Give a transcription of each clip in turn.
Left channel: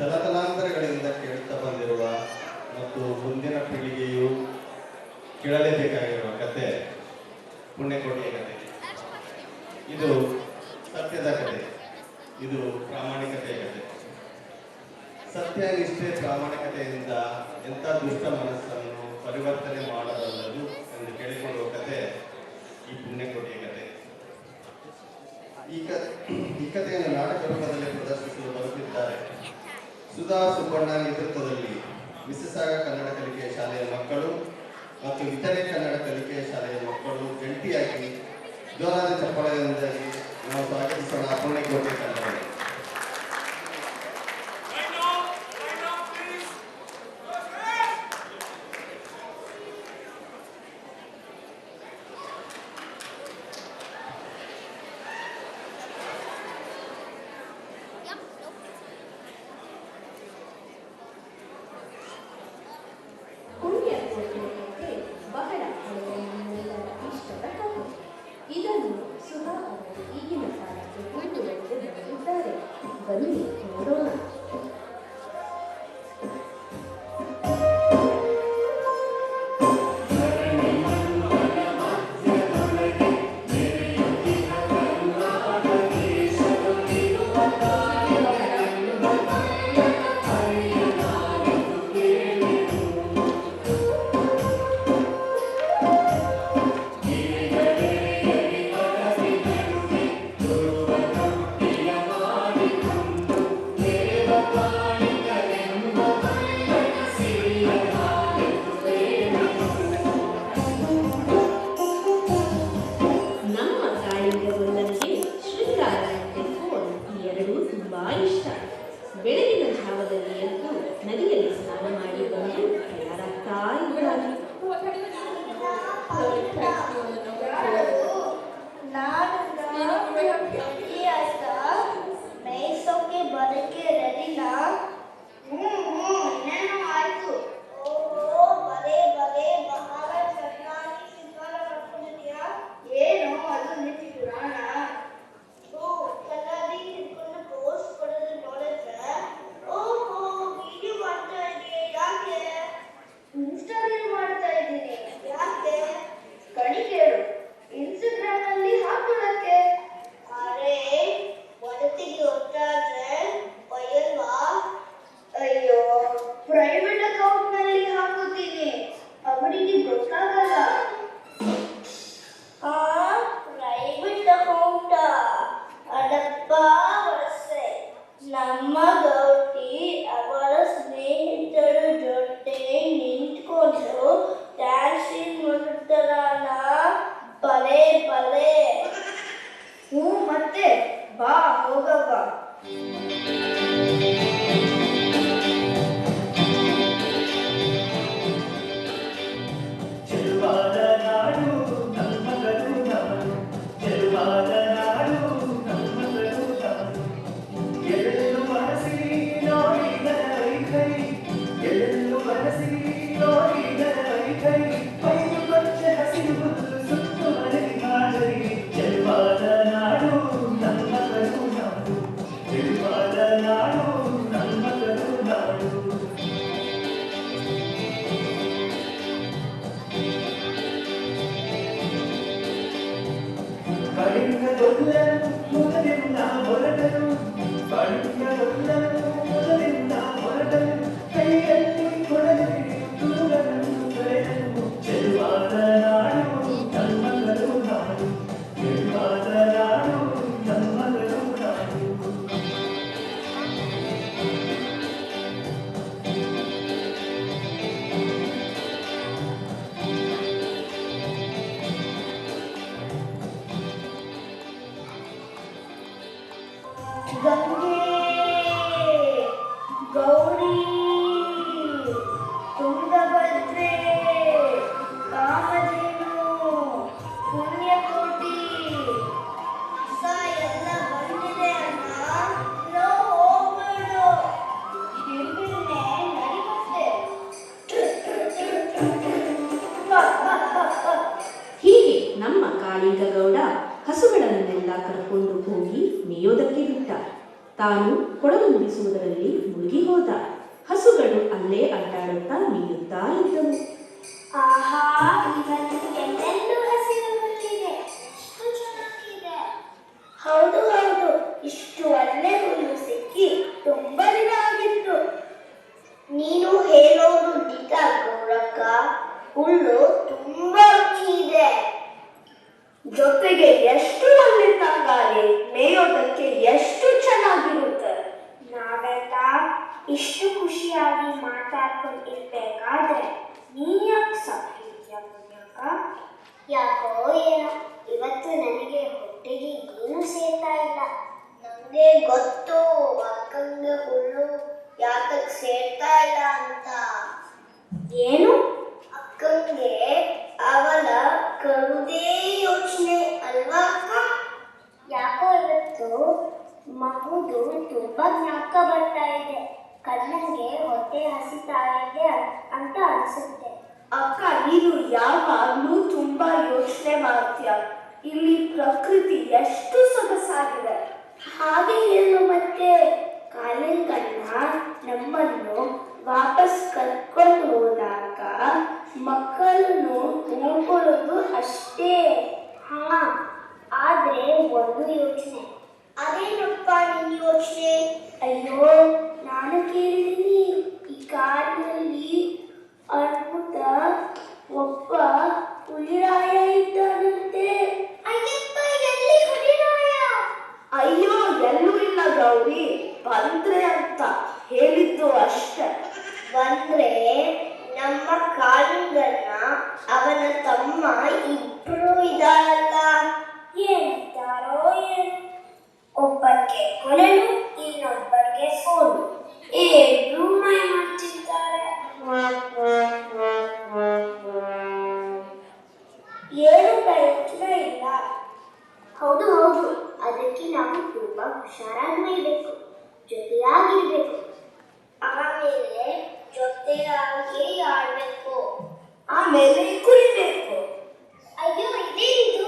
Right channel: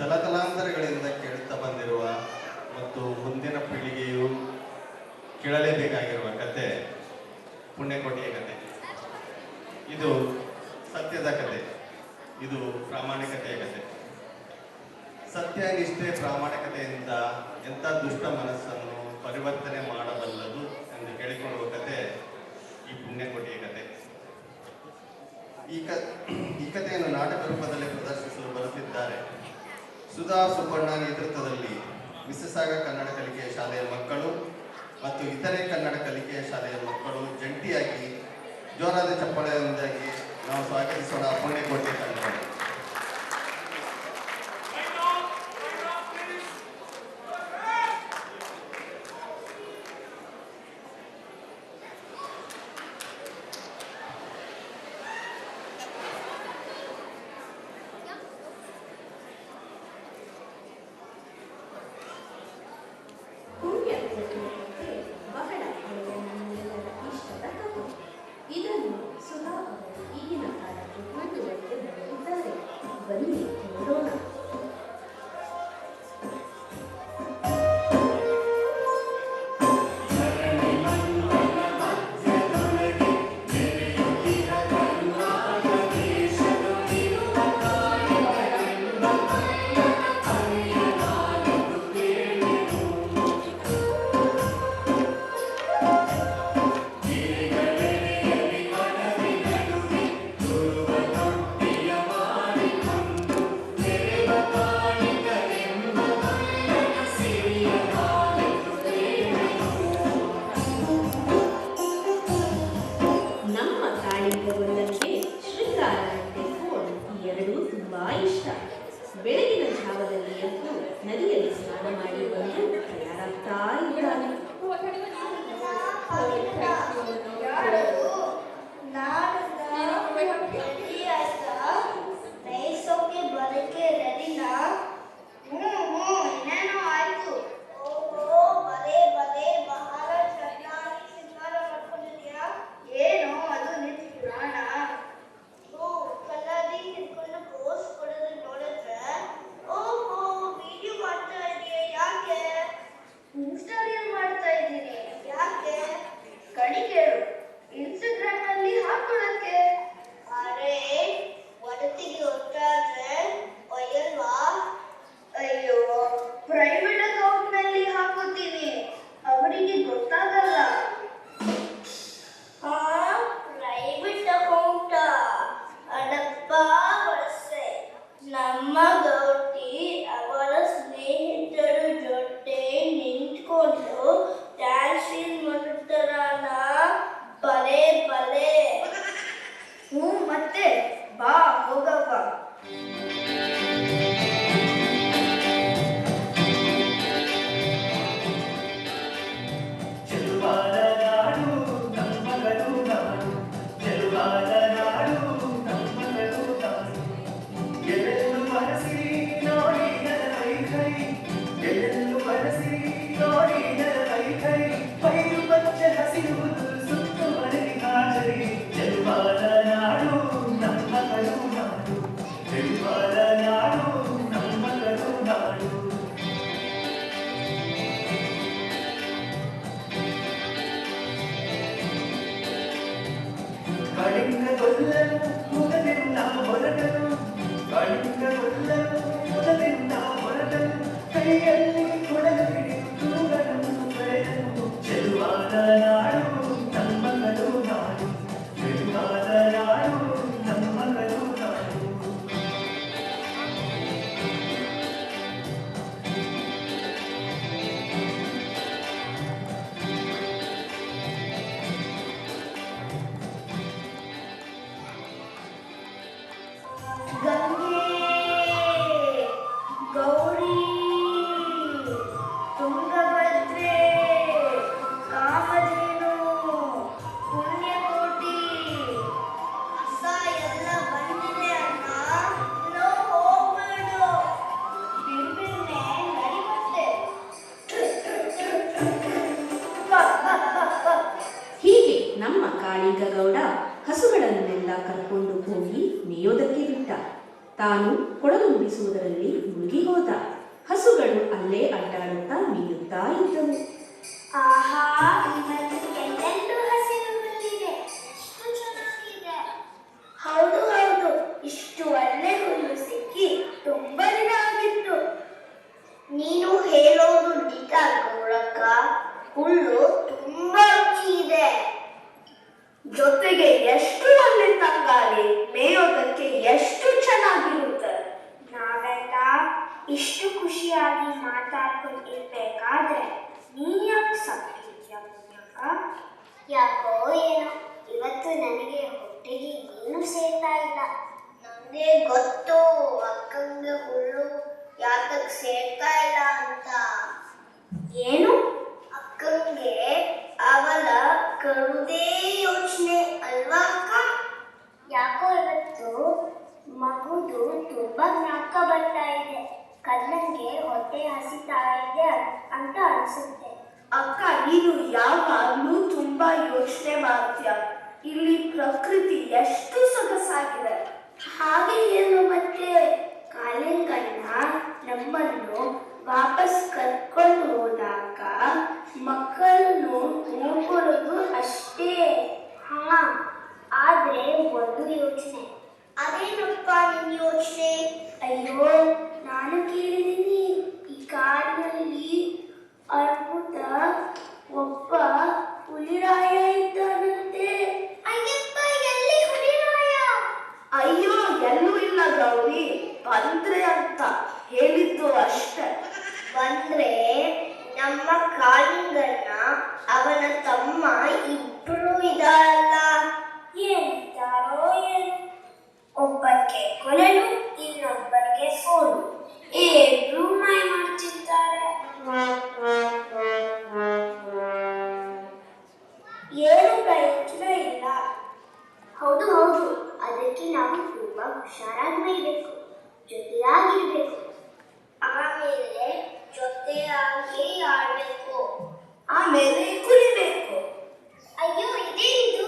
ತಲತಲಾಂತರಗಳಿಂದ ಕೇಳುತ್ತಾ ಬಂದಿರುವ ಮತ್ತು ಮುಂದಿನ ಪೀಳಿಗೆಯು ಕೇಳಲೇಬೇಕಾಗಿರುವ ಕತೆ ಪುಣ್ಯಕೋಟಿಯ ಕತೆ. ಇದು ಸತ್ಯದ ಕತೆ, ಇದು ಪ್ರಾಮಾಣಿಕತೆಯ ಕತೆ. ಸತ್ಯ, ನಿಷ್ಠೆ, ಪ್ರಾಮಾಣಿಕತೆಯಿಂದ ಎಂಥ ದುಷ್ಟ ಮನಸ್ಸನ್ನು ಪರಿವರ್ತನೆ ಮಾಡಬಲ್ಲದು ಎಂದು ಕೇಳಿಕೊಳ್ಳುವ ಕತೆ ಈ ಪುಣ್ಯಕೋಟಿಯ ಕತೆ. ಈ ಕಥೆಯನ್ನು ನಾಟಕ ರೂಪದಲ್ಲಿ ಪ್ರದರ್ಶಿಸಲು ಬರುತ್ತಿದ್ದಾರೆ ಸುಧಾ ಸುಬ್ಬಣ್ಣ ನೇತೃತ್ವದಲ್ಲಿ ಮಿಸಸಾಗ ಕನ್ನಡ ಕಲಿಕೆಯ ಶಾಲೆಯ ಮಕ್ಕಳು ಮತ್ತು ಇತರೆ ಕನ್ನಡ ಕಲಿಕೆಯ ಶಾಲೆಯ ಮಕ್ಕಳು ಜಂಟಿಯಾಗಿ ಜೋರಾದ ಚಪ್ಪಾಳೆಯೊಂದಿಗೆ ನಾವು ಸ್ವಾಗತಿಸೋಣ ಪುಣ್ಯಕೋಟಿ ತಂಡವನ್ನು. ಬಹಳ ಹಳೆಯ ಇಷ್ಟದ ಕಥೆ. ಇದನ್ನು ಸುಧಾ ಅವರು ಈಗಿನ ಕಾಲಕ್ಕೆ ಬರೆದಿದ್ದಾರೆ. ಬನ್ನಿ ನೋಡೋಣ. ಬೆಳಗಿನ ಜಾವದಲ್ಲಿ ಎದ್ದು ನದಿಯಲ್ಲಿ ಸ್ನಾನ ಮಾಡಿ ಬಂದು ಇನ್ಸ್ಟಾಗ್ರಾಮ್ ಅಲ್ಲಿ ಹಾಕೊಳ್ಳಕ್ಕೆ. ಅರೆ ನಗುತ್ತಾ ಇದ್ದನು. ಆಹಾ, ಇವತ್ತು ಎಲ್ಲೆಲ್ಲೂ ಹಸಿರು ಬಂದಿದೆ. ಎಷ್ಟು ಚೆನ್ನಾಗಿದೆ. ಹೌದು ಹೌದು, ಇಷ್ಟು ಒಳ್ಳೆ ಹುಲ್ಲು ಸಿಕ್ಕಿ ತುಂಬಾ ದಿನ ಆಗಿತ್ತು. ನೀನು ಹೇಳೋದು ನಿಜ ಗೌರಕ್ಕ. ಹುಲ್ಲು ತುಂಬಾ ರುಚಿ ಇದೆ. ಜೊತೆಗೆ ಎಷ್ಟು ಒಳ್ಳೆ ತಂಗಾಳಿ, ಮೇಯೋದಕ್ಕೆ ಎಷ್ಟು ಚೆನ್ನಾಗಿರುತ್ತೆ. ನಾವೆಲ್ಲ ಇಷ್ಟು ಖುಷಿಯಾಗಿ ಮಾತಾಡ್ಕೊಂಡಿರ್ಬೇಕಾದ್ರೆ ನೀನ್ ಯಾಕೆ ಸಾಕಿದ್ಯಾ ಮುನಿಯಕ್ಕ? ಯಾಕೋ ಏನೋ ಇವತ್ತು ನನಗೆ ಹೊಟ್ಟೆಗೆ ಏನು ಸೇರ್ತಾ ಇಲ್ಲ. ನಮಗೆ ಗೊತ್ತು ಅಕ್ಕಂಗೆ ಹುಲ್ಲು ಯಾಕಕ್ಕೆ ಸೇರ್ತಾ ಇಲ್ಲ ಅಂತ. ಏನು? ಅಕ್ಕಂಗೆ ಅವಳ ಕರುದೇ ಯೋಚನೆ ಅಲ್ವಾ ಅಕ್ಕ? ಯಾಕೋ ಇವತ್ತು ಮಗುದು ತುಂಬಾ ಜ್ಞಾಪಕ ಬರ್ತಾ ಇದೆ. ಕಣ್ಣಂಗೆ ಹೊಟ್ಟೆ ಹಸಿತಾ ಇದೆ ಅಂತ ಅನ್ಸುತ್ತೆ. ಅಕ್ಕ, ನೀನು ಯಾವಾಗಲೂ ತುಂಬಾ ಯೋಚನೆ ಮಾಡ್ತೀಯ. ಇಲ್ಲಿ ಪ್ರಕೃತಿ ಎಷ್ಟು ಸೊಗಸಾಗಿದೆ. ಹಾಗೆ ಏನು ಮತ್ತೆ ಕಾಲಿಂಗಣ್ಣ ನಮ್ಮನ್ನು ವಾಪಸ್ ಕರ್ಕೊಂಡು ಹೋದಾಗ ಮಕ್ಕಳನ್ನು ನೋಡ್ಕೊಳ್ಳೋದು ಅಷ್ಟೇ. ಹಾ, ಆದ್ರೆ ಒಂದು ಯೋಚನೆ. ಅದೇನಪ್ಪ ನಿನ್ನ ಯೋಚನೆ? ಅಯ್ಯೋ, ನಾನು ಕೇಳಿದ್ದೀನಿ. ಈ ಕಾಡಿನಲ್ಲಿ ಅದ್ಭುತ ಒಬ್ಬ ಹುಲಿರಾಯ ಇದ್ದಾನಂತೆ. ಅಯ್ಯಪ್ಪ, ಎಲ್ಲಿ ಹುಲಿರಾಯ? ಅಯ್ಯೋ, ಎಲ್ಲೂ ಇಲ್ಲ ಗೌರಿ, ಬಂದ್ರೆ ಅಂತ ಹೇಳಿದ್ದು ಅಷ್ಟೇ. ಬಂದ್ರೆ ನಮ್ಮ ಕಾಳಿಂಗಣ್ಣ ಅವನ ತಮ್ಮ ಇಬ್ರು ಇದಾರಲ್ಲ, ಏನಿದ್ದಾರೋ ಏನು? ಒಬ್ಬಕ್ಕೆ ಕೊಲಲು, ಇನ್ನೊಬ್ಬರಿಗೆ ಸೋಲು. ಇಬ್ರು ಮೈ ಮಾಡ್ತಿದ್ದಾರೆ. ಏನು ಪ್ರಯೋಜನ ಇಲ್ಲ. ಹೌದು ಹೌದು, ಅದಕ್ಕೆ ನಾವು ತುಂಬಾ ಹುಷಾರಾಗಿ ಮೇಯ್ಬೇಕು, ಜೊತೆಯಾಗಿರ್ಬೇಕು. ಆಮೇಲೆ ಜೊತೆಯಾಗಿ ಆಡ್ಬೇಕು. ಆಮೇಲೆ ಕುಡಿಬೇಕು. ಅಯ್ಯೋ, ಇದೇನಿದು?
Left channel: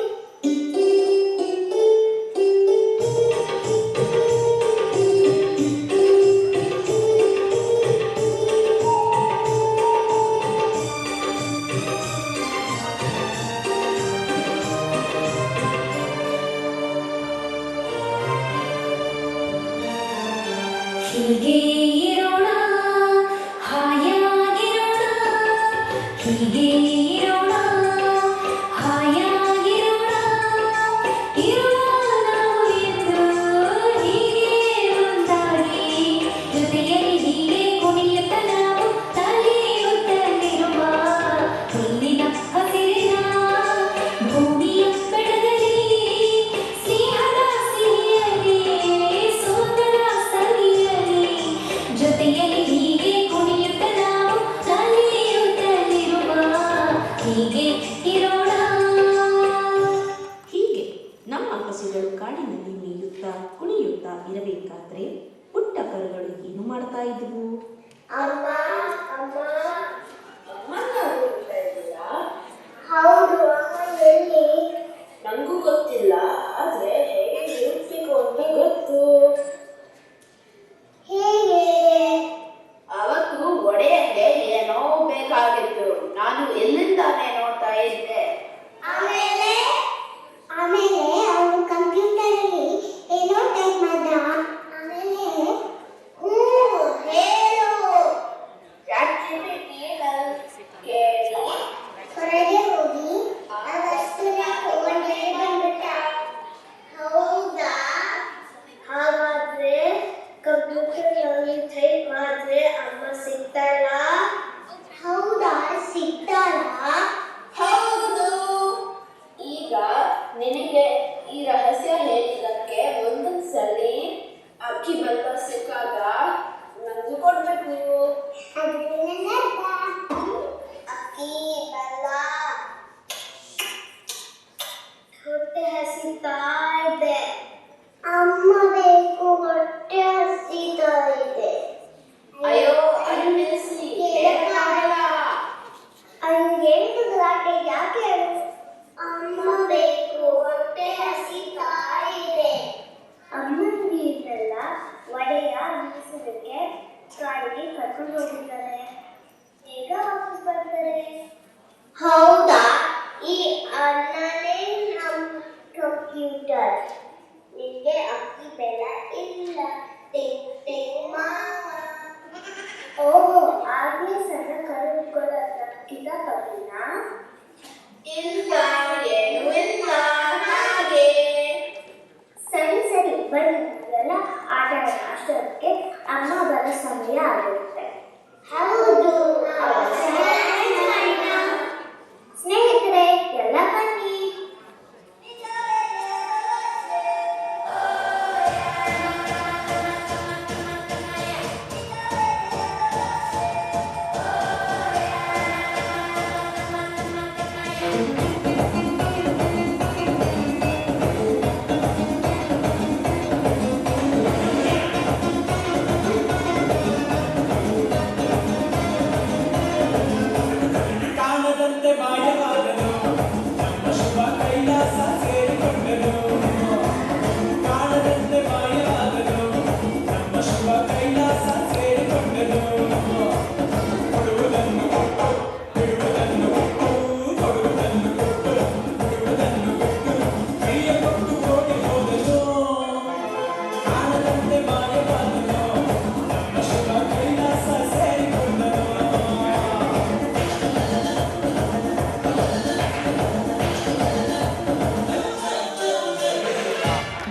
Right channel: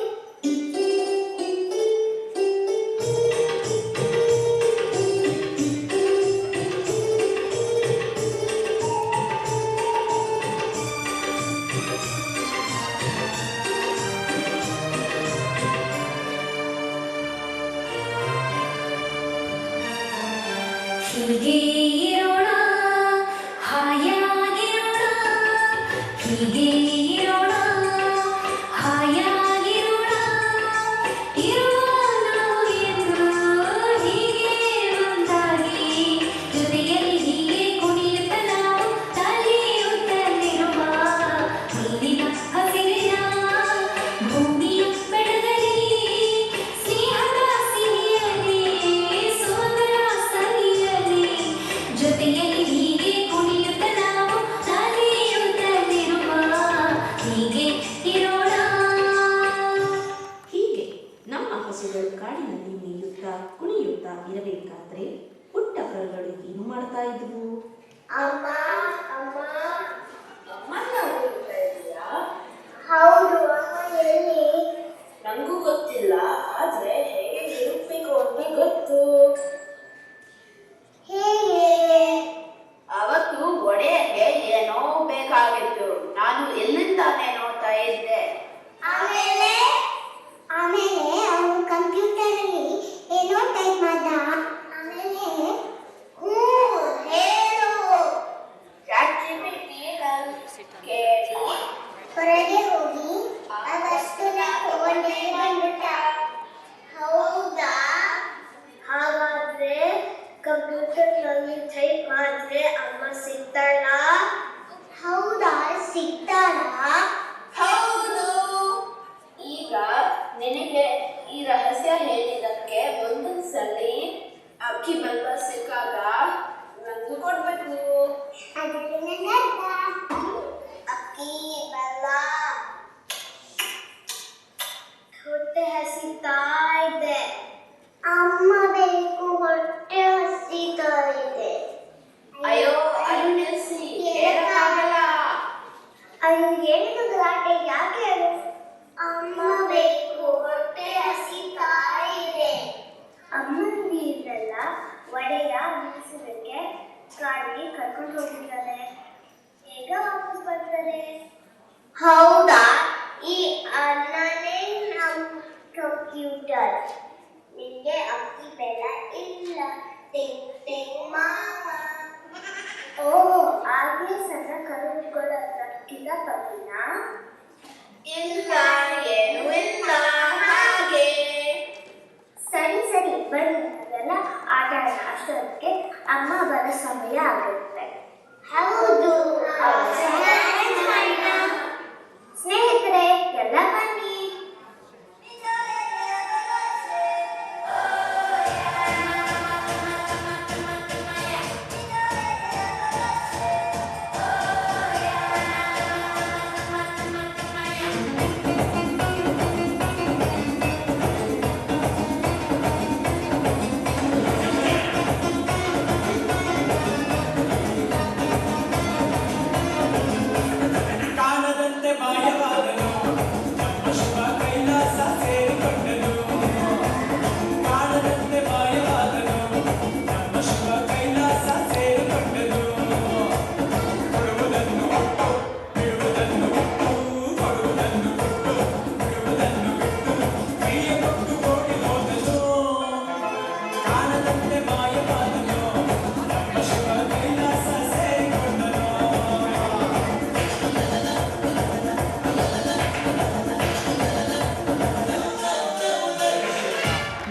ಹೀಗೆ ಇರೋಣ, ಹಾಯಾಗಿರೋಣ, ಹೀಗೆ ಇರೋಣ, ಹಾಯಾಗಿರೋಣ, ಇರುವ ನಾವು ಇಬ್ರು ಹೀಗೆ ಒಂದಾಗಿ, ಜೊತೆಯಲ್ಲಿ ಹೀಗೆ ಕುಣಿಯುತ್ತ ನಾವು ನಲಿಯುತ್ತಲಿರುವ ಹುಲ್ಲಿನ ಹಸಿರಿನ ಭೂಮಿಯ ಬೆಳಗಲಿ, ಸ್ನೇಹದ ಸಿಹಿಯಲ್ಲಿ ಸೋದರ ಸವಿಯಲಿ, ಜೊತೆಯಲ್ಲಿ ಹೀಗೆ ಕುಣಿಯುತ್ತ ನಾವು ನಲಿಯುತ್ತಲಿರುವ ಹೀಗೆ ಇರೋಣ. ಹೀಗೆ ನಮ್ಮ ಹಸುಗಳು ಕಾಡಿನಲ್ಲಿ ಮೇಯುತ್ತಾ ಕುಣಿಯುತ್ತಾ ಇರಬೇಕಾದ್ರೆ ಪುಟ್ಟ ಕರುಗಳು ಏನು ಮಾಡ್ತಾ ಇದ್ವು? ಅಮ್ಮ, ಅಮ್ಮ, ಅಮ್ಮನ್ನ ಹುಡುಕ್ತಾ ಇದ್ದೀರಾ? ಹೌದು, ಅಮ್ಮ ಎಲ್ಲಿ? ನಂಗೂ ಗೊತ್ತಿಲ್ಲ, ಆದ್ರೆ ಹೇಗೆ ಹುಡುಕ್ಬೇಕು ಅಂತ ಗೊತ್ತು. ಹೇಗೆ? ಅವತ್ತು ಒಡೆಯಕ್ಕೆ ಏನೋ ಬೇಕಾಗಿತ್ತು, ನಾನು ಎಲ್ಲಿಂದಾನೆ ನೋಡ್ತಾ ಇದ್ದೆ. ಆಮೇಲೆ ಅವನು ಕಂಪ್ಯೂಟರ್ ಅಲ್ಲಿ ಏನೋ ಟೈಪ್ ಮಾಡ್ದ. ಆಮೇಲೆ ಹೇಳು. ಹೊರಗೆ ಹೋಗಿ ಅದಷ್ಟು ತಗೊಂಡೇ ಬಂದ್ಬಿಟ್ಟ. ಹೌದಾ? ಹಾಗಾದ್ರೆ ಕಂಪ್ಯೂಟರ್ ನಲ್ಲಿ ಟೈಪ್ ಮಾಡಿದ್ರೆ ಅಮ್ಮ ಸಿಗ್ತಾಳ? ಹೌದಾ, ಸಿಗ್ತಾಳ? ಹೌದು. ಈಗ ನಿನಗೆ ಈ ರಹಸ್ಯ ಹೇಳಿದ್ದಕ್ಕೆ ಒಂದೊಂದ್ಸಲಿ ಅಕ್ಕಿ ಬೆಲ್ಲ ಸಿಕ್ಕಾಗ ನಂದು ಕೊಡ್ಬೇಕು. ಅಕ್ಕಿ ಬೆಲ್ಲ ಹೊಟ್ಟೆ ಹಸಿತಾ ಇದೆ. ಅಮ್ಮ ಬೇಕು, ಹೊಟ್ಟೆ ಹಸಿತಾ ಇದೆ. ಅಯ್ಯೋ, ಹಂಗೇನು ಗಲಾಟೆ ಯಾಕೆ? ಅಮ್ಮ ಬೇಕು, ಹೊಟ್ಟೆ ಹಸಿತಾ ಇದೆ. ಅಮ್ಮನಿಗೆ ಇದ್ರಲ್ಲ ಒಡೆಯ ಬೀಸೋದಕ್ಕೆ ಕಾಡಿಗೆ ಕರ್ಕೊಂಡು ಹೋಗಿದ್ದಾರೆ. ಬೇಗ ವಾಪಸ್ ಹೌದಾ? ಈ ಅನ್ನನೇ ನಮ್ಮ ಕಂಪ್ಯೂಟರ್. ನಿಂಗೆ ಅಕ್ಕಿ ಬೆಲ್ಲ ಇಲ್ಲ. ಟಿಂಗ್ ಟಿಂಗ್ ಮಾಮ. ಓಹೋ, ಆಗ್ಲೇ ಸಣ್ಣ ಕರುಗಳ ಕಿಲ ತಪ್ಪಿನ? ಇಲ್ಲ, ಏನೂ ಇಲ್ಲ ಹಾಗೆ. ಸರಿ ಸರಿ, ಬನ್ನಿ ನಾವೆಲ್ಲ ಆಟ ಆಡೋಣ. ಅಷ್ಟೊತ್ತಿಗೆ ಅಮ್ಮ ಬರೋ ಸಮಯ ಆಗುತ್ತೆ. ಹೌದು, ಸ್ನೇಹಿತರೆ ಎಲ್ಲ ಬನ್ನಿ.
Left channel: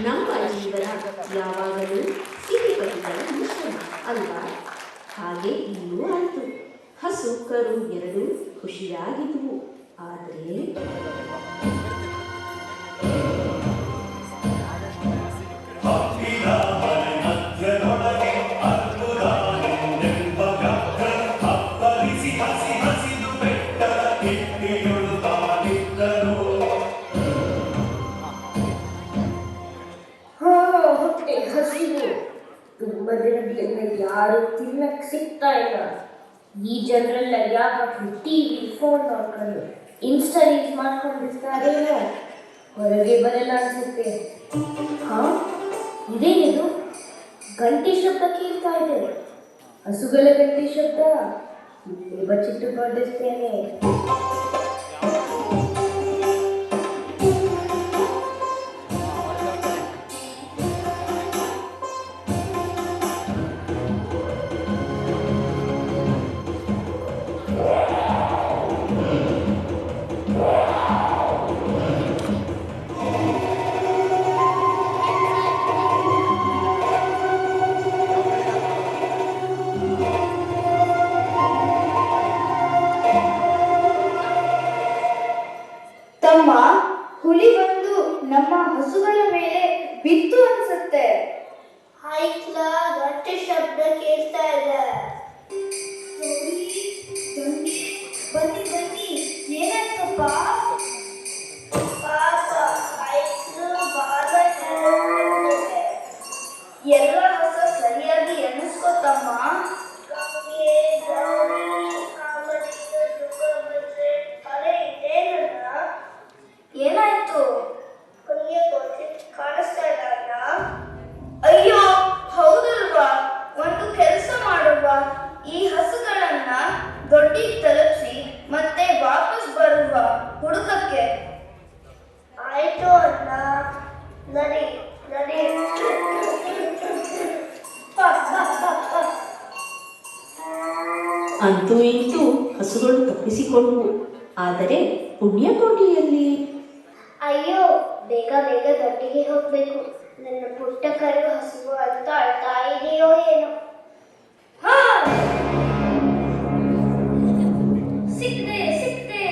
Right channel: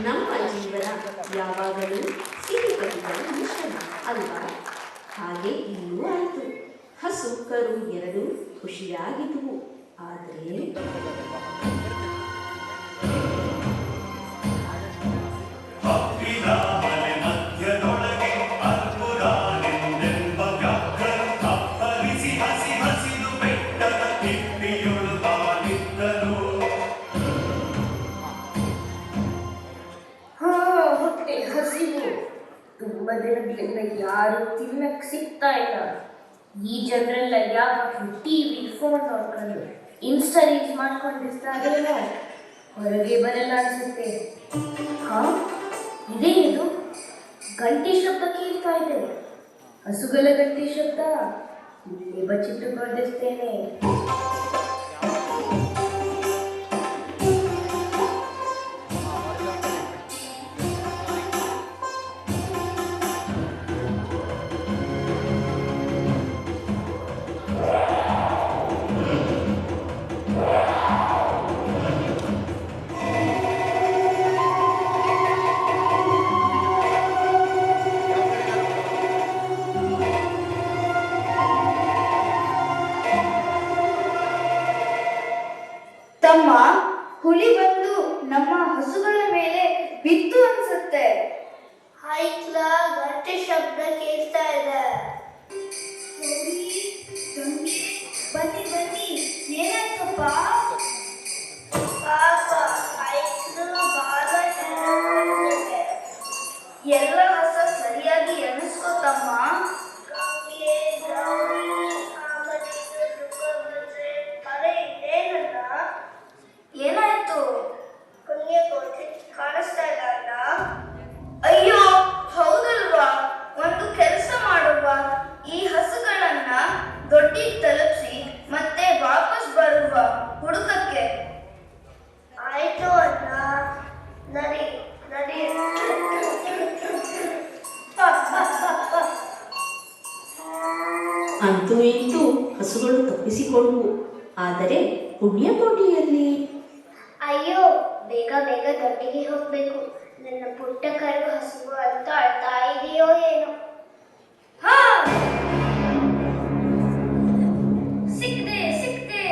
ನಮ್ಮ ಜೀವನ ಯಾವಾಗಲೂ ಸಿಹಿಕಹಿಗಳ ಮಿಶ್ರಣ ಅಲ್ವಾ? ಹಾಗೆ ಇನ್ನೂ ಆಯಿತು. ಹಸು ಕರು ಎರಡೂ ಖುಷಿಯಾಗಿದ್ವು. ಆದರೆ ಹೊಟ್ಟೆ ಹಸಿವು. ತುಂಬಾ ದಿನಗಳಿಂದ ಯಾರು ತಿನ್ನಕ್ ಸಿಗ್ತಾ ಇಲ್ಲ. ಈ ಜನರೆಲ್ಲ ಯಾವತ್ತು ಟಿವಿ ಫೋನ್ ನೋಡ್ಕೊಂಡು ಇನ್ಸ್ಟಾ ರೀಲ್ಸ್ ಮಾಡ್ಕೊಂಡಿರ್ತಾರೇನೋ. ಹೊರಗೆ ಬರಲ್ಲ ಅನ್ಸುತ್ತೆ. ಇದೇನಿದು? ಗಂಟೆ ಶಬ್ದ ಕೇಳ್ತಾ ಇದೆ. ಹಸುಗಳ ಗಂಟೆ ಶಬ್ದ. ಇಲ್ಲಿ ಬಚ್ಚಿಟ್ಟು ನೋಡಿಸ್ತೇನೆ. ತಮ್ಮ, ಹುಲಿ ಬಂದು ನಮ್ಮ ಹಸುಗಳ ಮೇಲೆ ಬಿತ್ತು ಅನ್ಸುತ್ತೆ. ಆಯ್ತಲ, ಗಂಟೆ ಶಬ್ದ ಕೇಳ್ತಾ ಇದೆ. ಬನ್ನಿ ಬನ್ನಿ, ಏನಾಯ್ತಪ್ಪ? ಎಲ್ಲ ಹೊಸ ಸರಿಯಾಗಿ ಎಣಿಸ್ಕೋತಮ್ಮ. ಏನಾಯ್ತು? ಕಾಣಿಸ್ತಾ ಇದ್ದಲ್ಲ? ಅಯ್ಯೋ, ಹೌದಲ್ವಾ? ಒಂದು ಕೆಲಸ ಮಾಡುವ. ಈ ಹಸುಗಳನ್ನ ದೊಡ್ಡಿಗೆ ತಲುಪಿಸಿ ಮತ್ತೆ ವಾಪಸ್ ಬರುವ ಹುಡುಕಕ್ಕೆ. ಆಯ್ತು ಅಣ್ಣ, ನಡಿ ನಡಿ. ಅಂತೂ ಇಂತೂ ಹಸುಗಳು ತಪ್ಪಿಸಿಕೊಂಡವು. ಆದರೆ ಪುಣ್ಯಕೋಟಿಯಲ್ಲಿ ಅಯ್ಯೋ, ಬೇಗ ಬೇಗ ದೊಡ್ಡಿಗೆ ಹೋಗ್ಬೇಕು. ನನ್ನ ಪುಟ್ಟ ಕರಗ ಹಸುವು ಅಂತ ಅಳ್ತಾ ಇದೆಯೋ ಏನೋ. ಹಾ, ಸಿಕ್ತೆ ಸಿಕ್ತೆ.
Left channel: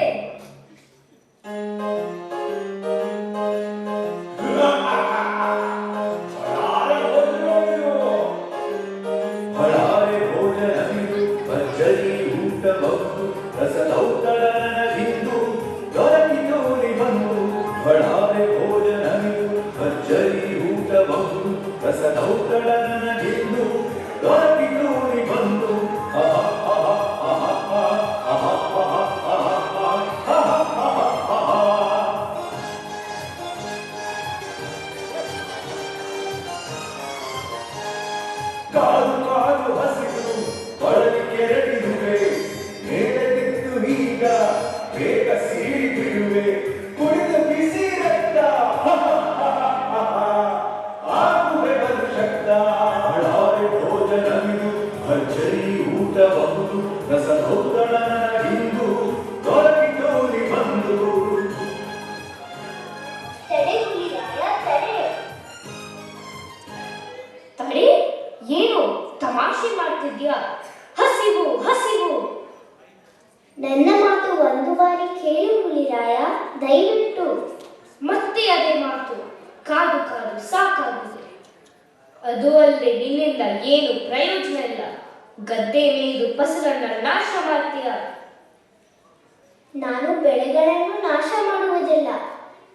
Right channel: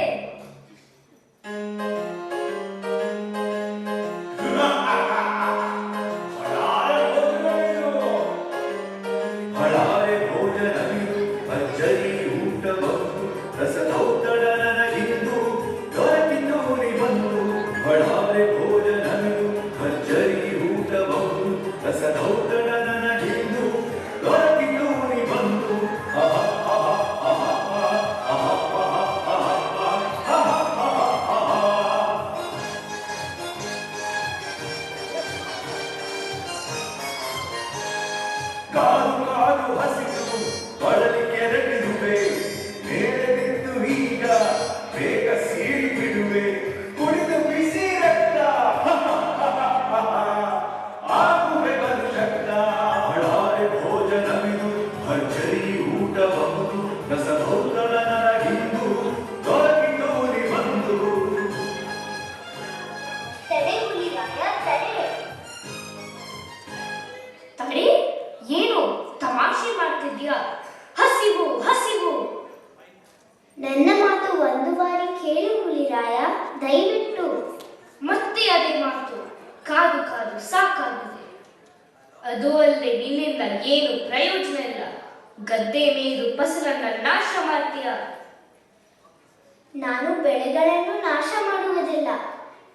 ಕಾದು ಕಾದು ಹಸಿರು ಕೊಡಲಿ ಕೆರಳಿದುವೆ. ಮಾಡ್ತಿದ್ಯಾ? ಹಸಿವು ಹಸಿವು. ನನ್ನ ಮಾತು ಒಂದು ಬಾರಿ ಕೇಳಿ ಹುಲಿರಾಯ, ದಯವಿಟ್ಟು. ಮತ್ತೆ ಅದೇ ಮಾತು. ಕಾದು ಕಾದು ಸಾಕಾಗಿದೆ. ಅದು ಅಲ್ಲದೆ ನಿನ್ನಿಂದ ಏನು ಪ್ರಯೋಜನ ಇಲ್ಲ. ಗದ್ದೆ ಮೇಯ್ದು ಫಸಲನ್ನ ನಾಶ ಮಾಡ್ತೀಯ. ನಾನು ಬೆಳೆಗಳನ್ನು ನಾಶ ಮಾಡುವುದಿಲ್ಲ.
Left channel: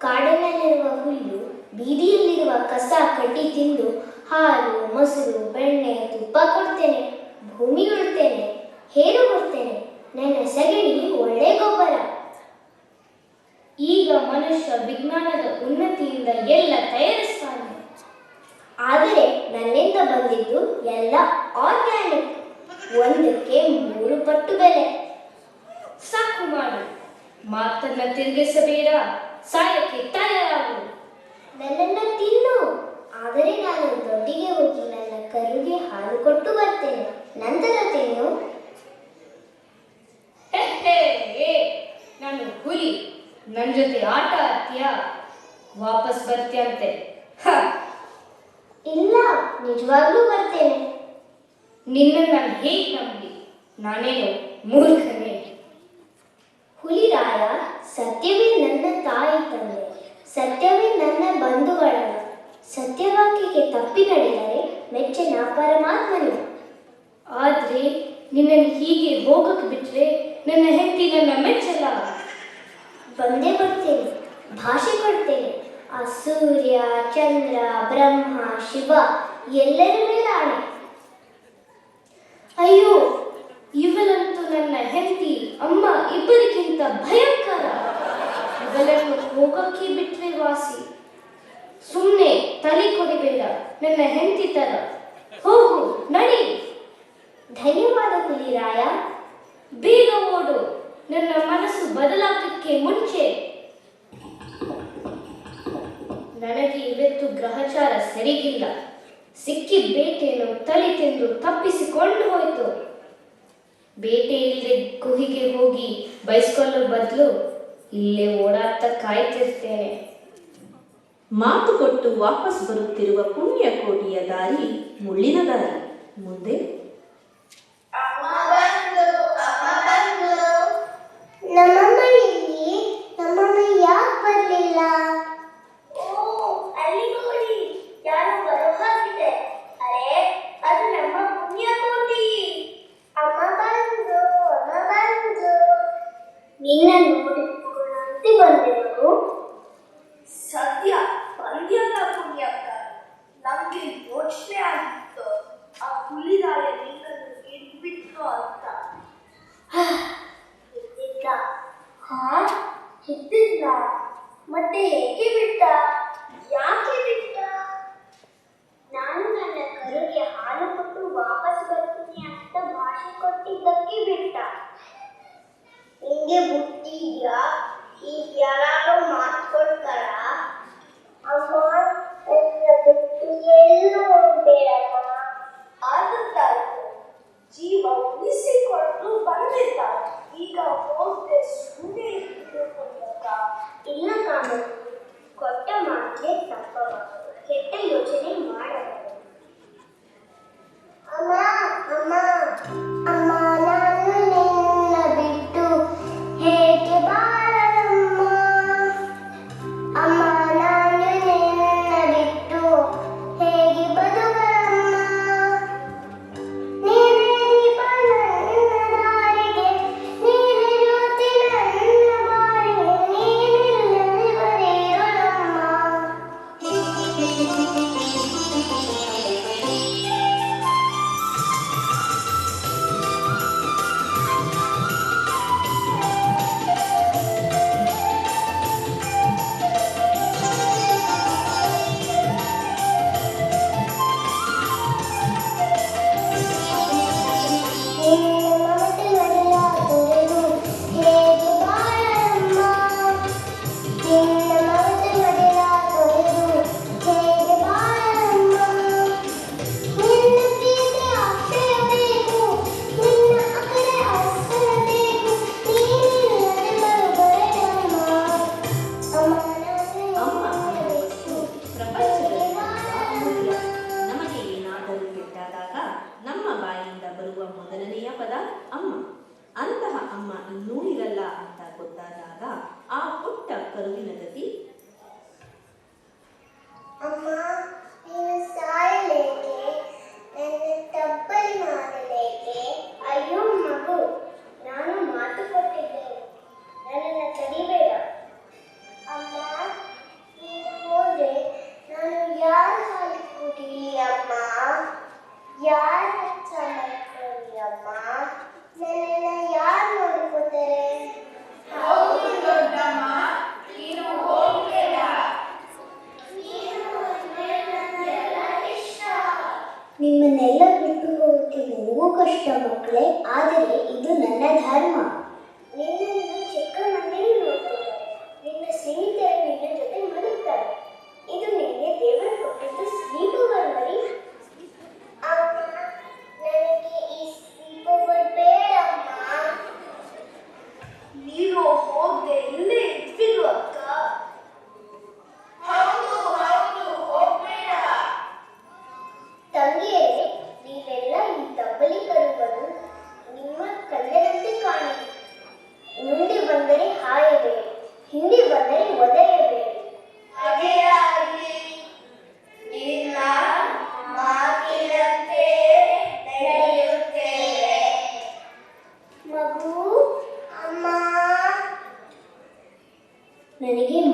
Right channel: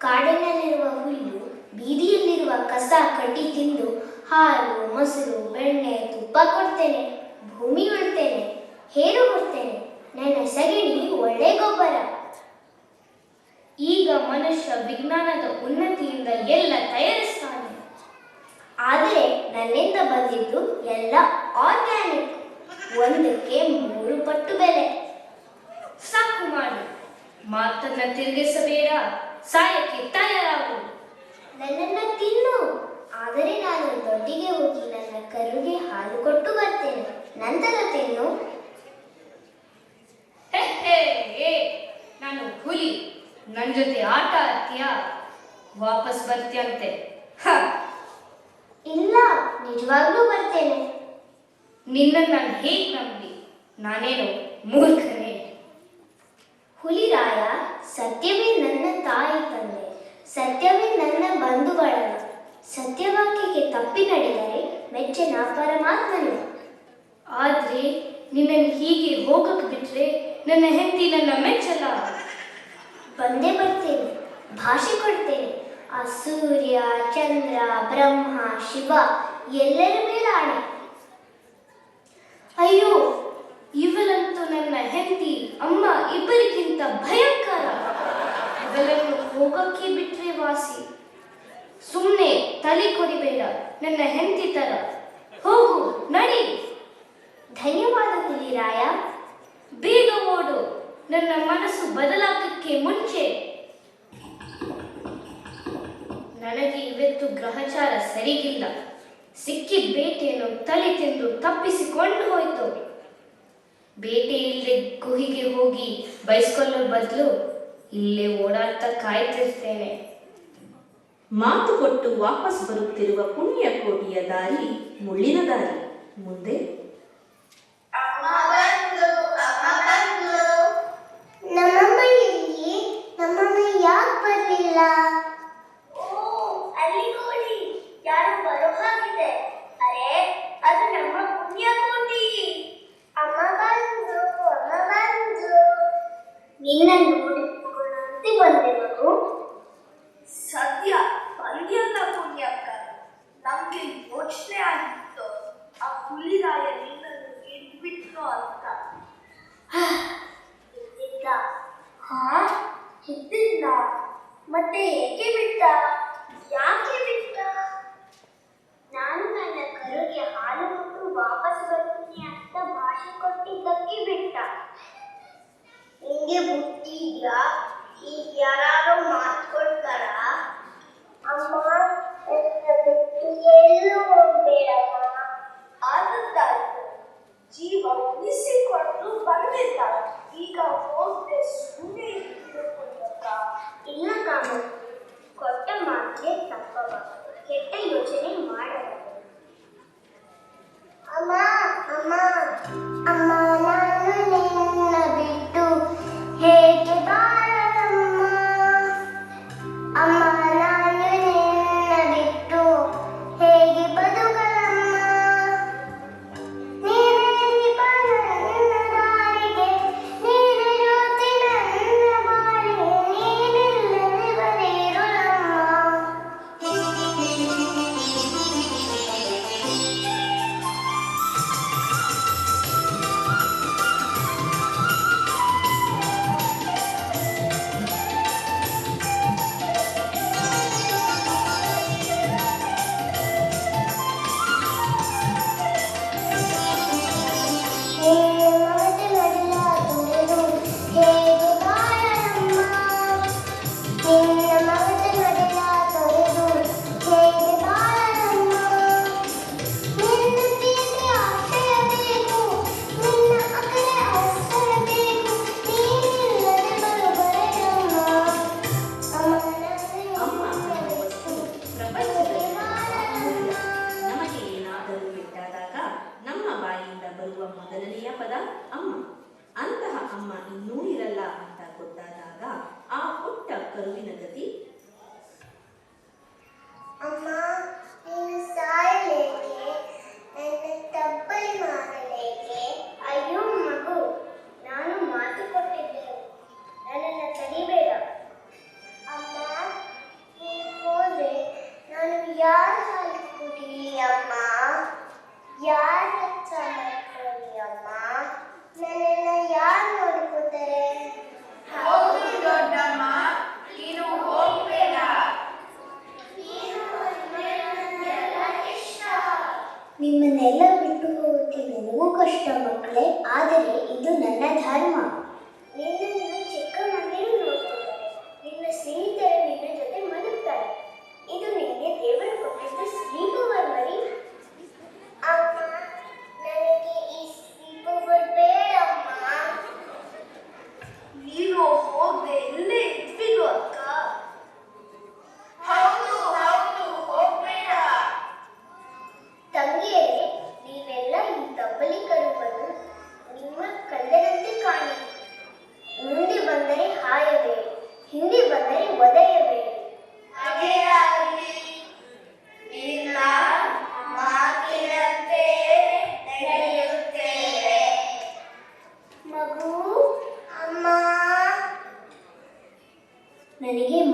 ಕಾಡಿನಲ್ಲಿರುವ ಹುಲ್ಲು, ಬೀದಿಯಲ್ಲಿರುವ ಕಸ ಕಡ್ಡಿ ತಿಂದು ಹಾಲು, ಮೊಸರು, ಬೆಣ್ಣೆ, ತುಪ್ಪ ಕೊಡ್ತೇನೆ. ಭೂಮಿ ಉಳ್ತೇನೆ, ಹೇರು ಕೊಡ್ತೇನೆ. ನನ್ನ ಸಗಣಿ ಒಳ್ಳೆ ಗೊಬ್ಬರ. ಈಗ ಮನುಷ್ಯ ವಿಜ್ಞಾನದ ಉನ್ನತಿಯಿಂದ ಎಲ್ಲ ತಯಾರಿಸ್ತಾನೆ. ಆದರೆ ನನ್ನಿಂದ ಬಂದಿದ್ದು ಎಲ್ಲ ಆರ್ಗ್ಯಾನಿಕ್. ಒಂದಕ್ಕೆ 3 ಪಟ್ಟು ಬೆಲೆ. ಸಾಕು ಮಾಡು. ಮಾತನ್ನ ತಿರುಗಿಸಬೇಡ. ಸಾಯಕ್ಕೆ ತಯಾರಾಗು. ನನ್ನನ್ನು ತಿನ್ನು. ಆದರೆ ನಾನು ದೊಡ್ಡಿಗೆ ಹೋಗಿ ನನ್ನ ಕರುಗೆ ಹಾಲು ಕೊಟ್ಟು ಬರ್ತೇನೆ. ನಂತರ ತಿನ್ನು. ಹೇ ಹೇ ಹೇ, ನಾನು ಹುಲಿ. ನನ್ ಜೊತೆ ಆಟ ಆಡ್ತೀಯಾ? ವಾಪಸ್ ಬರ್ತೀಯಂತೆ. ಹ, ಇಲ್ಲ, ನಿಜವಾಗ್ಲೂ ಬರ್ತೇನೆ. ನಿನ್ನ ನಾನು ಹೇಗೆ ನಂಬಿ? ನಾನೇನು ಮೂರ್ಖನೇ? ಹುಲಿರಾಯ, ಸತ್ಯವೇ ನನ್ನ ತಾಯಿ ತಂದೆ. ಸತ್ಯವೇ ನನ್ನ ಬಂಧುಗಳಲ್ಲ. ಸತ್ಯವಾಕ್ಯಕ್ಕೆ ತಪ್ಪಿ ನಡೆದರೆ ಮೆಚ್ಚಿನ ಪರಮಾತ್ಮನು. ಆದ್ರೆ ನಿನ್ನನ್ನು ಹೀಗೆ ಹೋಗಕ್ಕೆ ಬಿಟ್ರೆ ನನ್ನ ಹೆಂಡತಿ ನನ್ನ ಮೆಚ್ಚಲ್ಲ. ಬಂದೇ ಬರ್ತೇನೆ, ಭಾಷೆ ಕೊಡ್ತೇನೆ. ಆ ಸೂರ್ಯ, ಚಂದ್ರ, ಬ್ರಹ್ಮ, ಶಿವ ಎಲ್ಲರ ಮೇಲೆ ಆಣೆ. ಅಯ್ಯೋ, ಇವಳಂತೂ ನನ್ನ ಹೆಂಡತಿ ಅಮ್ಮ ಇಬ್ಬರಿಗಿಂತ ಭಯಂಕರ. ಇವಳನ್ನು ಹೋಗಕ್ಕೆ ಬಿಟ್ರೆ ವಾಸಿ. ಸುಮ್ಮನೆ ತಲೆ ಕೊಡಿಬೇಡ. ನನ್ನ ಹೆಂಡತಿ ತರ ಹೋಗು, ನಡಿ. ಧನ್ಯವಾದ ಹುಲಿರಾಯ. ಬೇಗ ಓಡು, ನನ್ನ ಮನಸ್ಸು ಬದಲಾಗಕ್ಕೆ ಮುಂಚೆ. ನನಗೆ ಇವತ್ತು ಗ್ರಹಚಾರ ಸರಿಗಿಲ್ಲ. ಸಿಕ್ಕಿದ ಬೇಟೆಯನ್ನು ತಲೆ ತಿಂದು ತಪ್ಪಿಸಿಕೊಂಡು ಹೋಯ್ತು. ಬೇಟೆ ಇಲ್ಲದೆ ಗುಹಿಗೆ ಹೋಗಿ ಬಯಸ್ಕೊಳ್ಳೋ ಬದಲು ಇಲ್ಲೇ ಓಡಾಡ್ತಾ ಕಾಯ್ತಿರ್ತೇನೆ. ಮಾತು ಕೊಟ್ಟು ವಾಪಸ್ ಬರುತ್ತಿರುವ ಪುಣ್ಯಕೋಟಿಯ ದಾರಿ ಮುಳ್ಳಿನ ದಾರಿ. ಮುಂದೆ ನಮ್ಮಮ್ಮ ಎಲ್ಲಿ? ನಮ್ಮಮ್ಮ ಯಾಕೆ ಬರಲಿಲ್ಲ? ಅಲ್ಲಿ ನೋಡಿ, ಯಾರು ಬರೋ ಹಾಗಿದೆ. ಅರೆ, ಅದು ನಮ್ಮ ಪುಣ್ಯಕೋಟಿ. ಅಮ್ಮ ಬಂದು, ಅಮ್ಮ ಬಂದು. ನಿನ್ನ ನೋಡಿ ಬಂದೆವು. ಸದ್ಯ ಬಂದ್ಯಲ್ಲ ಪುಣ್ಯಕ್ಕ. ನಮ್ಗೆ ಯೋಚನೆ ಆಗಿತ್ತು ಆ ಹುಲಿರಾಯ ನಿನ್ನನ್ನು ಹಿಡ್ಬಿಟ್ಟು ಅಂತ. ಇದ್ದಿದ್ದ? ಹಾ, ಇದ್ದಿದ್ದ. ಮತ್ತೆ ಹೇಗೆ ಬಿಟ್ಟ? ಯಾಕೆ ಬಿಟ್ಟ? ನಾನು ನನ್ನ ಕರುಗೆ ಹಾಲು ಕೊಟ್ಟು ವಾಪಸ್ ಬರ್ತೀನಿ ಅಂತ ಭಾಷೆ ಕೊಟ್ಟಿದ್ದಕ್ಕೆ ಬಿಟ್ಟ. ನಿಂಗೆ ಬುದ್ಧಿ ಇದೆಯಾ? ಈಗ ಯಾರಾದ್ರೂ ಮಾತು ಕೊಡ್ತಾರ? ಅಮ್ಮ, ನನ್ನ ಬಿಟ್ಟು ಎಲ್ಲೂ ಹೋಗ್ಬೇಡಮ್ಮ. ಆದದ್ದಾಯ್ತು. ಜೀವ ಉಳಿಸಿಕೊಂಡು ಬಂದಿದ್ದ. ಈಗ ಹೋದ್ರೆ ಸುಮ್ಮನೆ ಇಲ್ಲ ಕಾಮ, ಕೊಟ್ಟ ಮಾತೇ ತಪ್ಪ. ಕೆಟ್ಟ ಯೋಚನೆ ಮಾಡಬಾರದು. ಅಮ್ಮ, ಅಮ್ಮ, ಅಮ್ಮ, ನಾನು ನಿನ್ನ ಬಿಟ್ಟು ಹೇಗೆ ಬಾಳಮ್ಮ? ಅಮ್ಮ, ನಾನು ನಿನ್ನ ಬಿಟ್ಟು ಹೇಗೆ ಬದುಕಮ್ಮ? ನೀನೇ ದೀಪ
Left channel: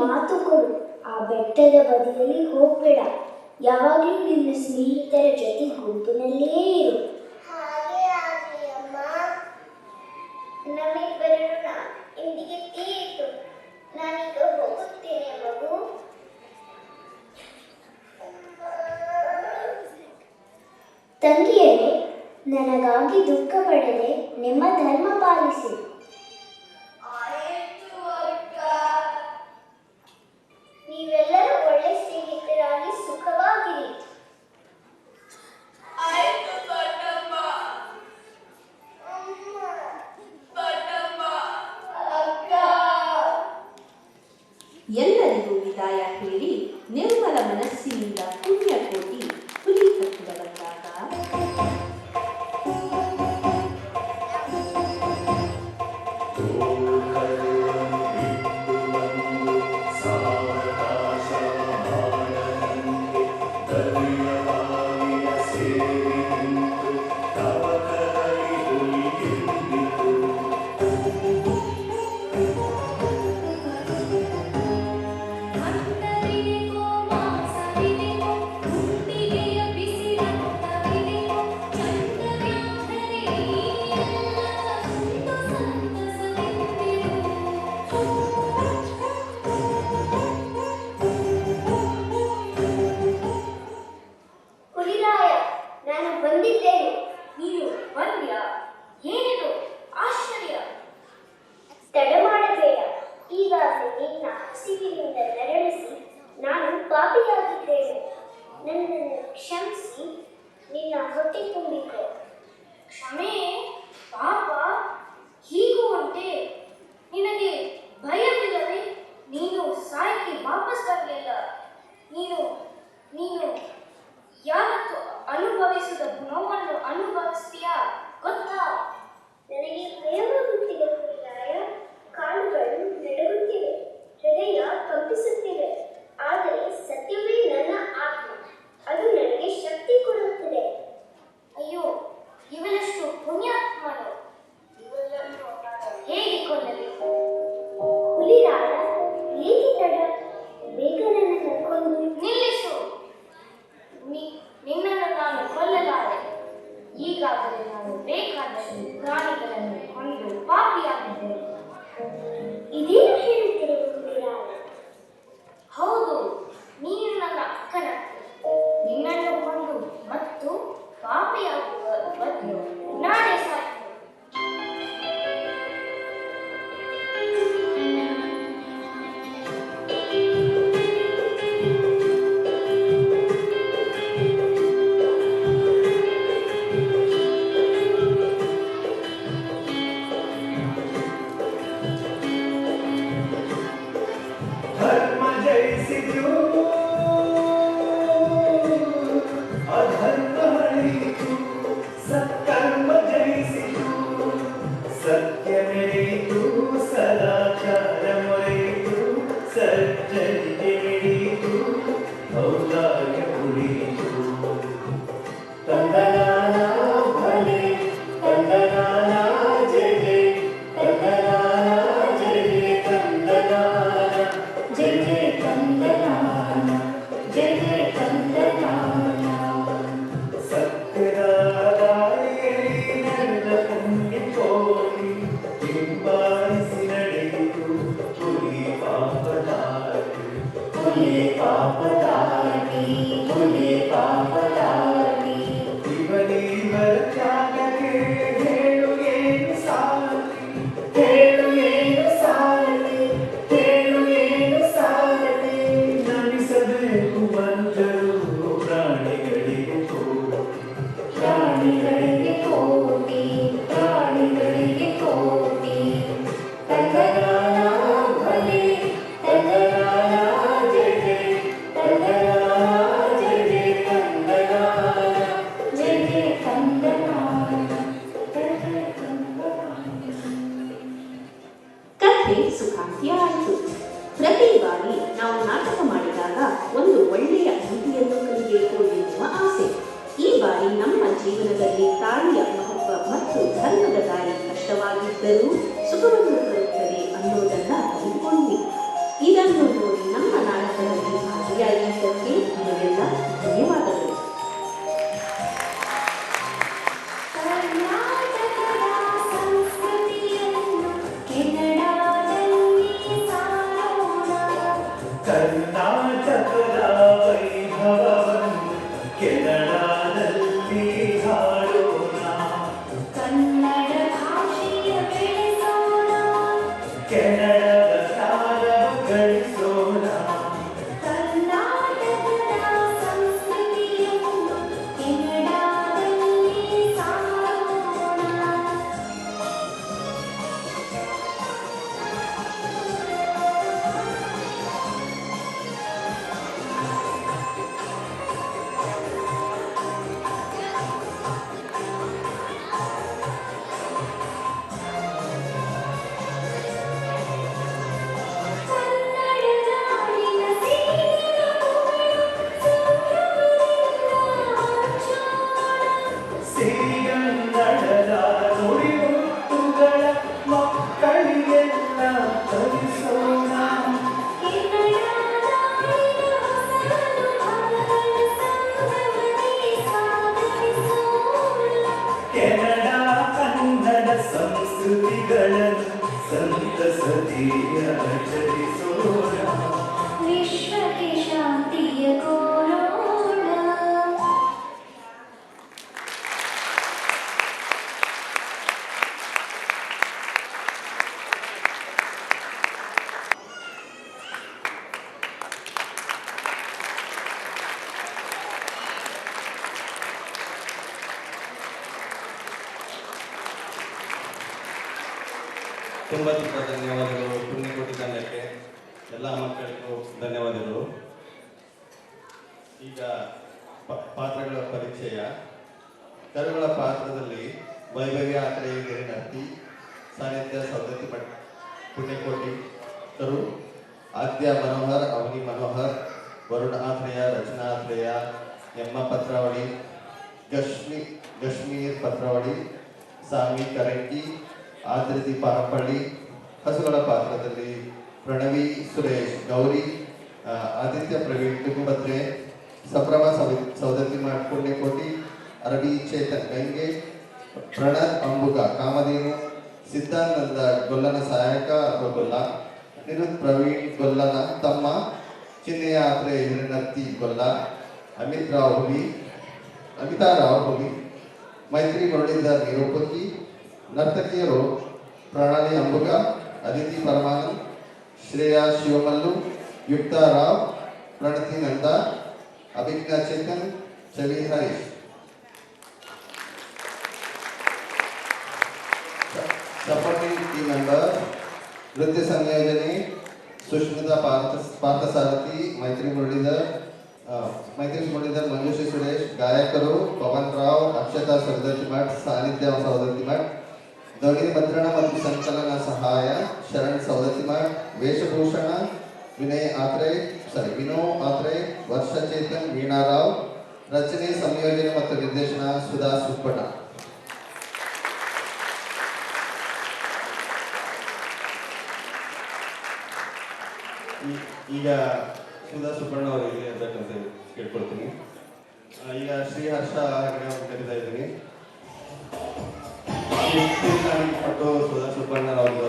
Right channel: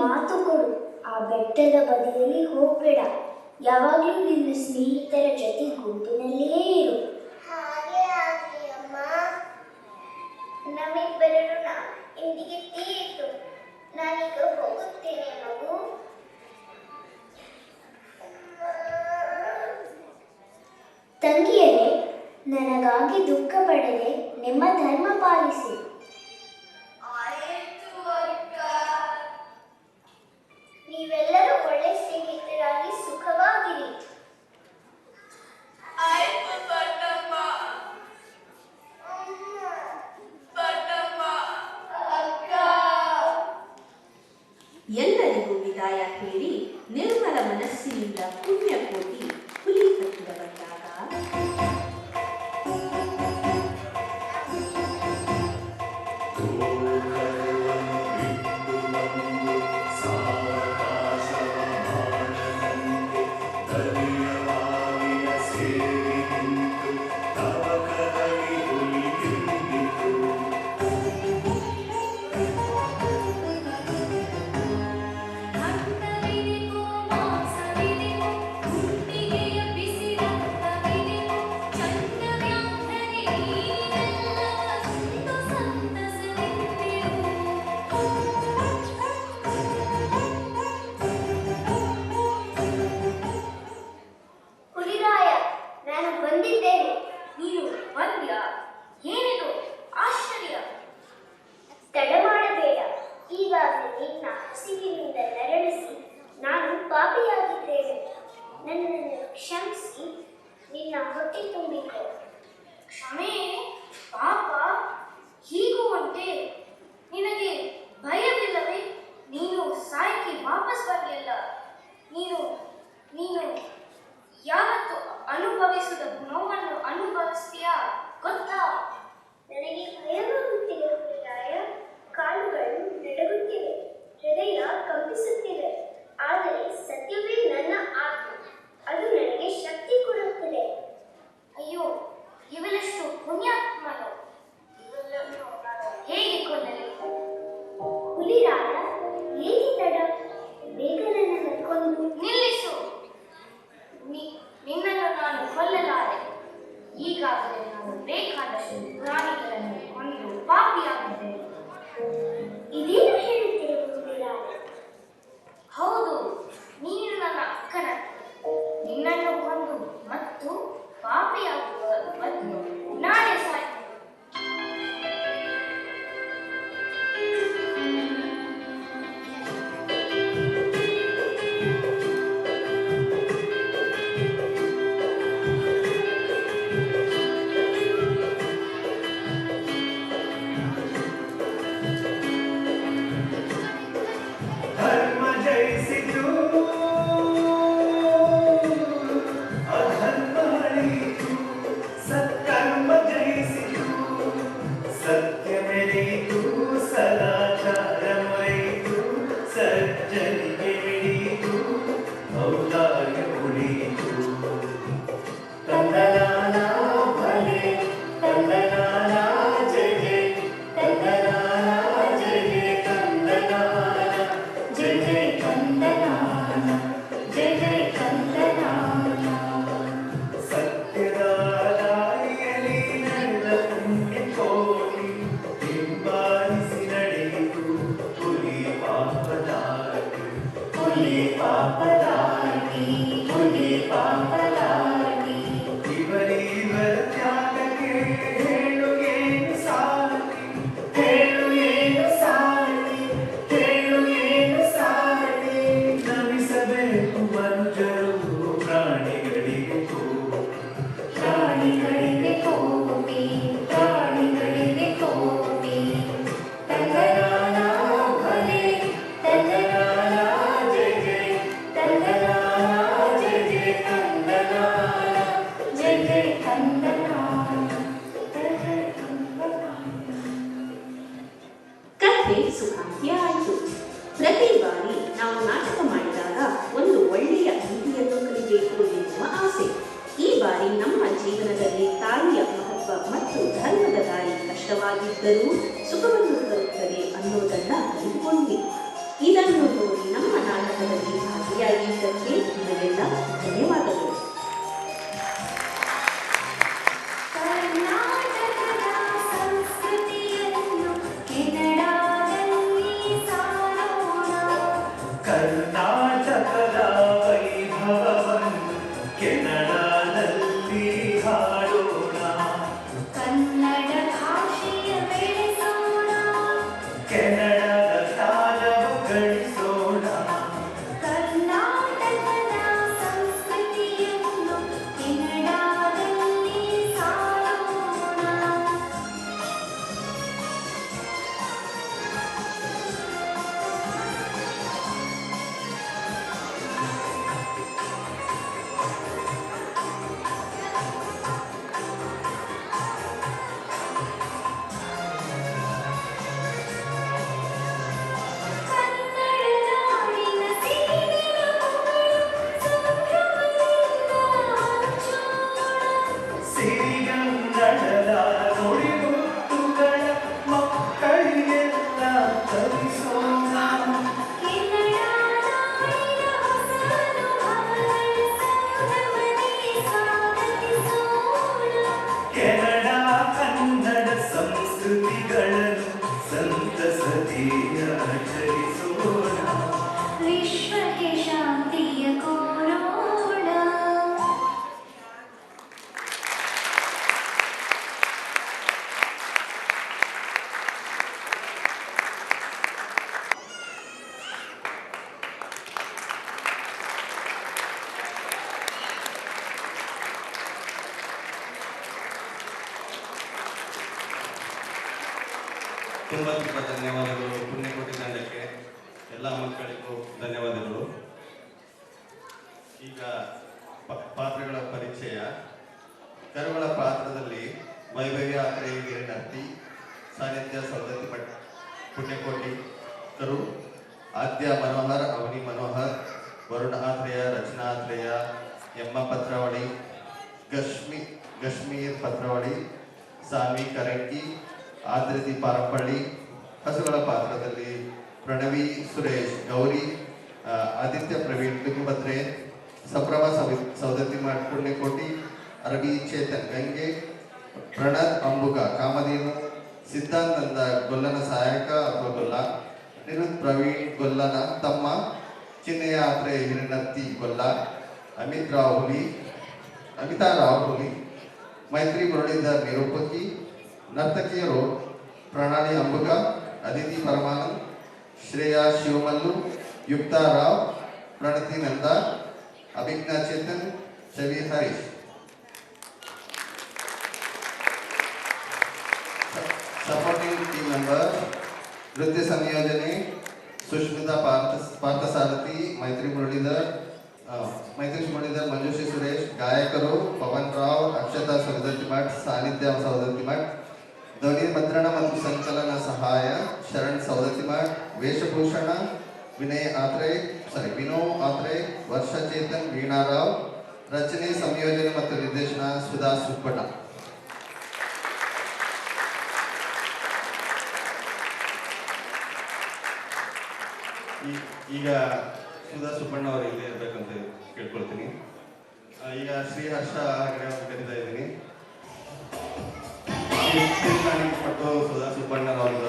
ಮಾತು ಕೊಡು, ಆ ಬೆಟ್ಟದ ಬದಿಯಲ್ಲಿ ಹೋಗ್ಬೇಡ. ಯಾವಾಗಲೂ ನಿನ್ನ ಸ್ನೇಹಿತರ ಜೊತೆ ಗುಂಪಿನಲ್ಲೇ ಇರು. ಹಾಗೆ ಆಗಲಿ ಅಮ್ಮ. ನಮ್ಮಿಬ್ಬರನ್ನು ಇಂದಿಗೆ ತೀರಿತು. ನಾನೀಗ ಹೋಗುತ್ತೇನೆ ಮಗು. ತಂಗಿಯರೇ, ನನಗಾಗಿ ದುಃಖ ಪಡದೆ ನಿಮ್ಮ ಧರ್ಮ ಪಾಲಿಸಿ. ನೀವೆಲ್ಲರೂ ಒಳ್ಳೆ ಸ್ನೇಹಿತರಾಗಿ ಸುಖವಾಗಿರಿ. ಎಲ್ಲರಿಗೂ ವಿದಾಯ ಹೇಳಿ ನಿರ್ಮಲ ಮನಸ್ಸಿನಿಂದ ಪುಣ್ಯಕೋಟಿ ಹುಲಿ ಹತ್ತಿರ ಬಂದಾಗ ಅಂದರಿದೆವೋ ಮಾಸವಿದೆವೋ ಗುಂಡಿಗೆಯ ಬಿಸಿರಂಗವಿದೆವೋ ಚಂಡವ್ಯಾಘ್ರೇ ನೀನೆಲ್ಲ ಒಂದು ಸಂತಸದಿಂದೆವು. ಹುಲಿರಾಯ, ನಾನು ಬಂದಿದ್ದೇನೆ. ನೀನು ಬಂದ? ಏನಿದು ಆಶ್ಚರ್ಯ! ತಡ ಮಾಡಬೇಡ. ಈಗಾಗಲೇ ನಿನ್ನ ಹಸಿವಿನಿಂದ ನರಳಿಸಿ ನಾನು ಪಾಪಿಯಾಗಿದ್ದೇನೆ. ನನ್ನನ್ನು ಕ್ಷಮಿಸಿ ನಿನ್ನ ಹೊಟ್ಟೆ ತುಂಬಿಕೊ. ಕ್ಷಮೆ? ಪಾಪ? ಹೀಗೂ ಉಂಟೆ? ನಿನಗೆ ಭಯವಿಲ್ಲವೇ? ನೀನು ಸಾಯಕ್ಕೆ ವಾಪಸ್ ಬರಲಿಲ್ಲ. ನೀನು ಯಾವತ್ತು ಅನುಭವಿಸಿದ ನೋವನ್ನು ಅನುಭವಿಸ್ತೀಯಾ ಗೊತ್ತಾ? ನನಗೆ ಭಯವಾಗುತ್ತಿದೆ ಹುಲಿರಾಯ. ಕಾಲುಗಳು ನಡುಗುತ್ತಿವೆ, ಹೃದಯ ಕಂಪಿಸುತ್ತಿದೆ. ಆದರೆ ಸತ್ಯವೇ ನನ್ನ ಆತ್ಮ. ಅದು ನನಗೆ ಶಕ್ತಿ ಕೊಡುತ್ತದೆ. ಅಯ್ಯೋ, ಇವನಷ್ಟು ಪುಣ್ಯಾತ್ಮನು. ಹೇಗೆ ಕೊಲ್ಲಲಿ? ಹುಲಿರಾಯ, ಏಕೆ ತಡ? ಬೇಗ ನನ್ನನ್ನು ಕೊಂದು ನಿಲ್ಲಿಸು. ನಿನ್ನನ್ನು ನಾನು ಕೊಲ್ಲಲಾರೆ. ಈಗಾಗಲೇ ನಾನು ಬೇಕಾದಷ್ಟು ಪ್ರಾಣಿಗಳನ್ನು ಕೊಂದು ಪಾಪಿಯಾಗಿದ್ದೇನೆ. ಇದೇನು ಹೇಳುತ್ತೀರಿ ಹುಲಿರಾಯ? ಹೌದು, ನೀನು ನನ್ನ ಅಕ್ಕನತ್ತೆ. ನಿನ್ನನ್ನು ಕೊಂದು ಮತ್ತು ಪಾಪಿಯಾಗುವ ಬದಲು ನಾನೇ ಸಾಯ್ತೇನೆ. ಧರ್ಮ ಜಯಿಸಿತು, ಅಧರ್ಮ ಅಳಿಯಿತು, ಸತ್ಕರ್ಮ ಜಯಿಸಿತು, ಸತ್ಯ ಮೆರೆಯಿತು, ಸದಾಚಾರ ಮರೆಯಿತು, ಸಜ್ಜನಿಗೆ ನಡೆಯಿತು, ಔದಾರ್ಯ ಉಳಿಯಿತು. ತಂದನಾನ ಭಲೆ, ತಂದನಾನ ಜಯ ಜಯ, ತಂದನಾನ ಜಯ ಜಯ, ತಂದನಾನ ಜಯ ಜಯ, ತಂದನಾನ ಜಯ ಜಯ, ತಂದನಾನ. ಸತ್ಯದ ದಾರಿಯಲ್ಲಿ ನಡೆದ ಪುಣ್ಯ ಕೋರಿ ಹಿಂಬಾಲಿಸಿ ನಡೆಯಿತು ಹುಲಿ ಪಾಪದಾಟಿ, ಹುಲಿ ಪಾಪದಾಟಿ, ಹುಲಿ ಪಾಪದಾಟಿ. ಇವರಿವರ ತ್ಯಾಗಕ್ಕೆ ಹೇಳು ಏನು ಸಾಟಿ, ಹೇಳು ಏನು ಸಾಟಿ, ಹೇಳು ಏನು ಸಾಟಿ. ನಮಿಸಬೇಕು ಮಂಜರು ಪ್ರಾಣಿಗಳಿಗೆ ಕೋಟಿ, ಪ್ರಾಣಿಗಳಿಗೆ ಕೋಟಿ, ಪ್ರಾಣಿಗಳಿಗೆ ಕೋಟಿ. ತಂದನಾನ ಭಲೆ, ತಂದನಾನ ಜಯ ಜಯ, ತಂದನಾನ ಜಯ ಜಯ, ತಂದನಾನ ಜಯ ಜಯ, ತಂದನಾನ ಜಯ ಜಯ, ತಂದನಾನ. ಕಥೆ ಸುಖಾಂತಿಯಾಯಿತು. ಪ್ರತಿ ಬಾರಿ ನಾವು ನಾಟಕ ಮಾಡಿದಾಗ ಒಂದು ಒಳ್ಳೆಯ ನೀತಿಯನ್ನು ಕಲಿಯಬೇಕು ಎನ್ನುವ ಆಸೆ. ಈ ಬಾರಿ ನಮ್ಮ ಜೀವನದಲ್ಲಿ ತಾಯಿಯ ಮಹತ್ವ ಮತ್ತು ಧರ್ಮದ ದಾರಿ ಕಷ್ಟವಾಗಿದ್ದರೂ ಸುಖವನ್ನು ಕೊಡುತ್ತದೆ ಅನ್ನೋದನ್ನ ಅರಿತುಕೊಂಡ್ವಿ. ಇದನ್ನು ನೋಡಿ ಧನ್ಯವಾದಗಳು. ಕರ್ನಾಟಕದ ಸಂಸ್ಕೃತಿಯನ್ನು ಕೆನಡಾದಲ್ಲಿ ಸಾರೋಣ. ಕರ್ನಾಟಕದ ವೈಭವವನ್ನು ಕೆನಡಾದಲ್ಲಿ ಹಾಡೋಣ. ಕನ್ನಡ ಭಾಷೆಯ ಬೆಳೆಸೋಣ. ಕೆನಡಾದ ಜ್ಞಾನವ ಗಳಿಸೋಣ. ಕರ್ನಾಟಕದ ಸಂಸ್ಕೃತಿಯನ್ನು ಕೆನಡಾದಲ್ಲಿ ಸಾರೋಣ. ಕನ್ನಡ ನಾಡಿನ ಸಿರಿಗನ್ನಡದ ನುಡಿಮುತ್ತುಗಳ ಮಕ್ಕಳಿಗೆಲ್ಲ ಕಲಿಸೋಣ. ಕೆನಡಾ ಕನ್ನಡ ಸಂಸ್ಕೃತಿಗಳನ್ನು ಸಂತಸದಿ ಆಚರಿಸೋಣ. ವಿಶ್ವಕ್ಕೆ ಶಾಂತಿಯ ಕೋರೋಣ. ತುಂಬ ತುಂಬ ಧನ್ಯವಾದಗಳು. ಪುಣ್ಯಕೋಟಿ ತಂಡಕ್ಕೆ ಎಲ್ಲ ಮಕ್ಕಳಿಗೂ ಧನ್ಯವಾದಗಳು. ಈಗ ಪಾತ್ರಗಳ ಪರಿಚಯ. ಕರುಗಳ ಪಾತ್ರದಲ್ಲಿ ವೈಭವ್ಯ ಆತ್ರೇಯ ಗಿರಿನರ್ತಿ, ಸಾನ್ನಿಧ್ಯ ಸೌದತ್ತಿ ಭಟ್ ಪುಣ್ಯಕೋಟಿ ಕರು, ಆದ್ಯ ಮನೋಹರ್ ಅವನಿ ಮನೋಹರ್, ವರುಣ ಆತ್ರೇಯ ರಚನಾ ಆತ್ರೇಯ, ಎಮ್ಮ ಪತ್ರವಾಡಿ, ಗಶ್ಮೀರ್ ಪತ್ರವಾಡಿ, ಸಾಮಿ ಕರಂಗಿ, ಆದ್ರತಿ ಪಾರಪಳ್ಳಿ. ಹಸುಗಳ ಪಾತ್ರದಲ್ಲಿ ಪ್ರಣವಿ ಸುರೇಶ್ ಗೌರಿ, ಆದಿತ್ಯ ಪ್ರವೀಣ್ ಕುಟುಂಬತ್ರೆ, ಸಪ್ರಮ ಸೌದತ್ತಿ ಮಠ್ ಪುಣ್ಯಕೋಟಿ, ಅರಬಿ ಚೇತನ್ ಗಂಗೆ, ಪ್ರಣತ್ ಅಂಬುಗ ಕಾಮಧೇನು, ಸಿದ್ಧಾನಂದ ಗೊಲ್ಲನ ಸಹಾಯಕ ಅಥವಾ ಗೊಲ್ಲ, ನಿರುತ್ ಪ್ರವೀಣ್ ಗೊಲ್ಲನ ತಮ್ಮ, ಚಿನ್ನೆಯ ಆತ್ರೆ ಹಿರನರ್ತಿ ಗೊಲ್ಲ, ಅಮಿತಾ ರಾವ್ ಹುಲಿ, ಮೈತ್ರಿ ಮುರಳೀಧರ್ ನಿರೂಪಕಿ. ನರ್ತಕಿಯರು Pranali Ambuga, Aditi Paramanand, Shreya Shivamallu, Yukta Rao, Pranati Nanda, Abhijna Chetan, Chavi Harish. Supporting team member ನೃತ್ಯ ಸಂಯೋಜನೆ ಸುಷ್ಮಿತಾ ಪಾರ್ಥಸಾರಥಿ, ಮೈತ್ರಿ ಮುರಳೀಧರ್, ಮಂಜುಶ್ರೀ ಸುರೇಶ್. ಗಾಯಕರು ಪವನ್ ರಾವ್, ಅಕ್ಷತಾ ಸೌದತ್ತಿ ಮಠ್, ಸಾನ್ನಿಧ್ಯ ಸೌದತ್ತಿ ಮಠ್. ಧ್ವನಿ ಮುದ್ರಣ ಮತ್ತು ಸಂಕಲನ ಸಹಾಯ ಶರಣ್ ಸೌದತ್ತಿ ಮಠ್. ವೇಷಭೂಷಣ ವಿನೋ ಆತ್ರೆ, ವರ್ಷ ಚೇತನ್, ವೀಣಾ ರಾವ್. ರಚನೆ ಸಂಯೋಜನೆ ಮತ್ತು ನಿರ್ದೇಶನ ಸುಧಾ ಸುಪ್ಪಣ್ಣ. ಈಗ ಸುಧಾ ಸುಬ್ಬಣ್ಣ ಅವರು ಇಲ್ಲಿ ಇರಬೇಕಂತ ಕೇಳ್ಕೊಳ್ತೀನಿ. ಈಗ ಶ್ರೀ ಹರ್ಷ ಕರೀತಾ ಇದ್ದೀನಿ. ಸುಧಾ ಸುಬ್ಬಣ್ಣ ಅವರು